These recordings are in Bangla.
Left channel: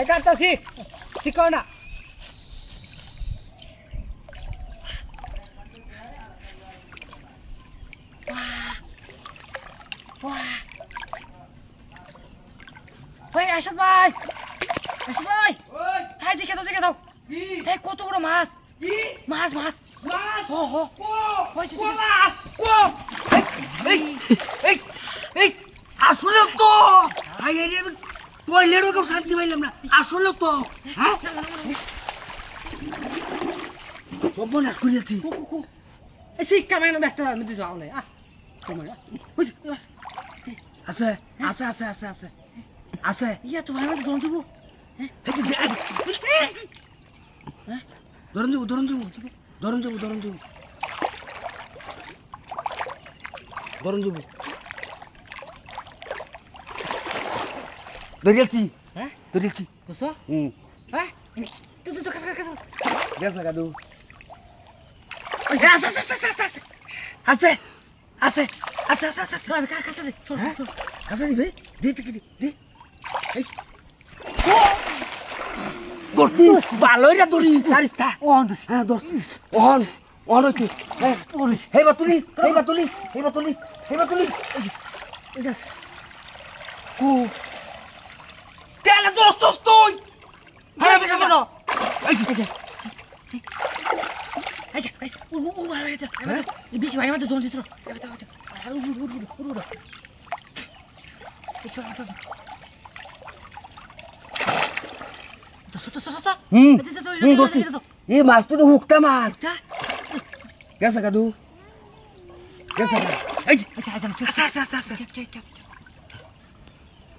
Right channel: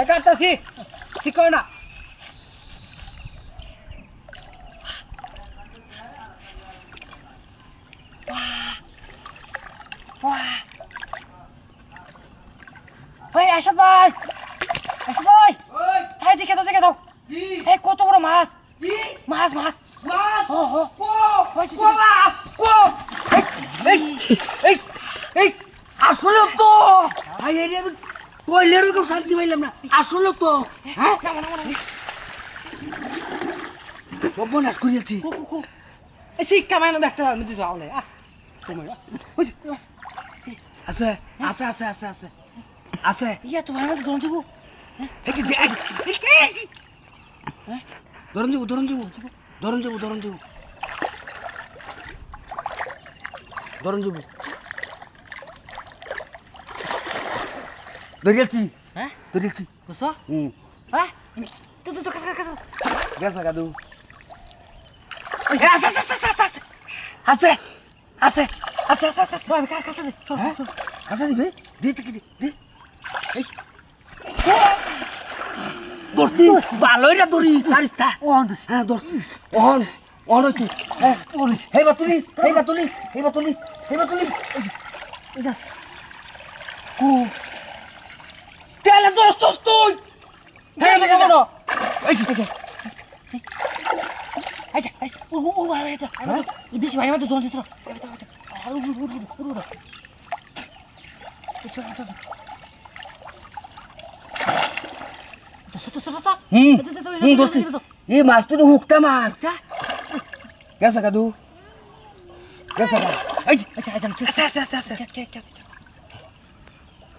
কাটতাছি ঠিক কর না ভাই আসো ভাই হাই দেখে দাও এই কত বড় মাছ মাছ মাছ মাছ ও হো কো মাছ কো এই আসলে তো ভাই এর আমি টয়লেটও তো শান্তি পাইলাম না আসলে তো হ্যাঁ সব নাশ করিয়েছি এই শিক্ষা মানে একটা আমি তো যাও না আছে আছে আছে আছে আছে আছে ইয়া তো ভাই দরন দিব দরন দিব দরিয়াছি হ্যাঁ দরিয়াছি কসো হ্যাঁ তো কাকা গেছা কাদু আছে আমি কাকা দে কাকা দিবে দে এই দর্শি ভালোইরা দরি সারিস্তা হ্যাঁ দর্শি ওহন হইছে হ্যাঁ হেবা তুলিস এই যা কো তেলে দোস্ত তুই হ্যাঁ দেখা বড় এই ও ভাই এটা বেশি ভাই আমাদের দোন দিছ ये माछ तो हुकता मार कैसा का दू कैसा अच्छा क्या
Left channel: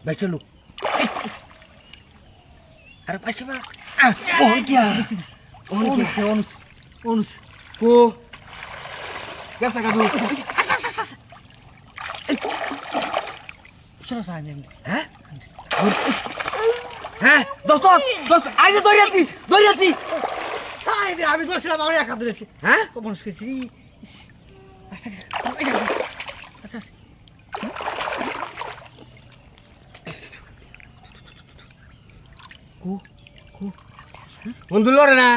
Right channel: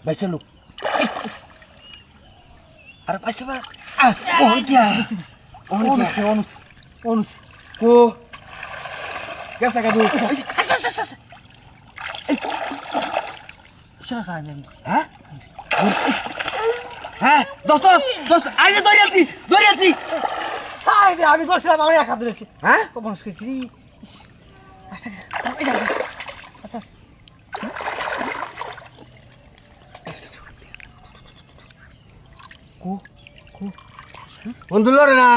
भाई चलो अरे पैसे बा ओन क्या ओन को कैसा का दू चलो खाने हैं হ্যাঁ দোস্ত আইজে দরিয়াছি আইজে আমি দোস্তাম আমার একা ধরেছি হ্যাঁ কখন কইছি আচ্ছা কো বন্ধু লরে না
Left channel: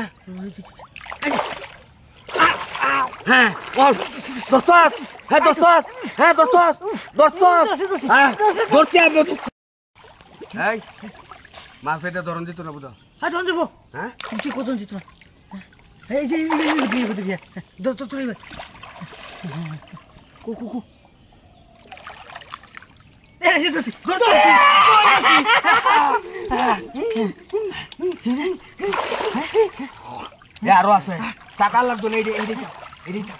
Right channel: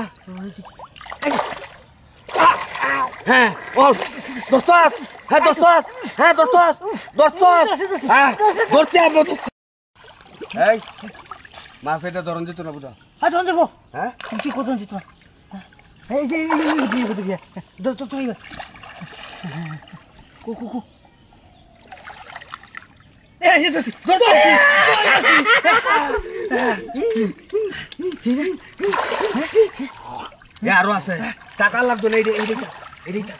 হ্যাঁ ও দোস্ত এই মাছ এটা ধরন দিত না বুঝা হ্যাঁ ধরন দেবো হ্যাঁ তুই কত দিত না এই যে তো কো এই যে আরো আছে টাকা লাগতো না এইটা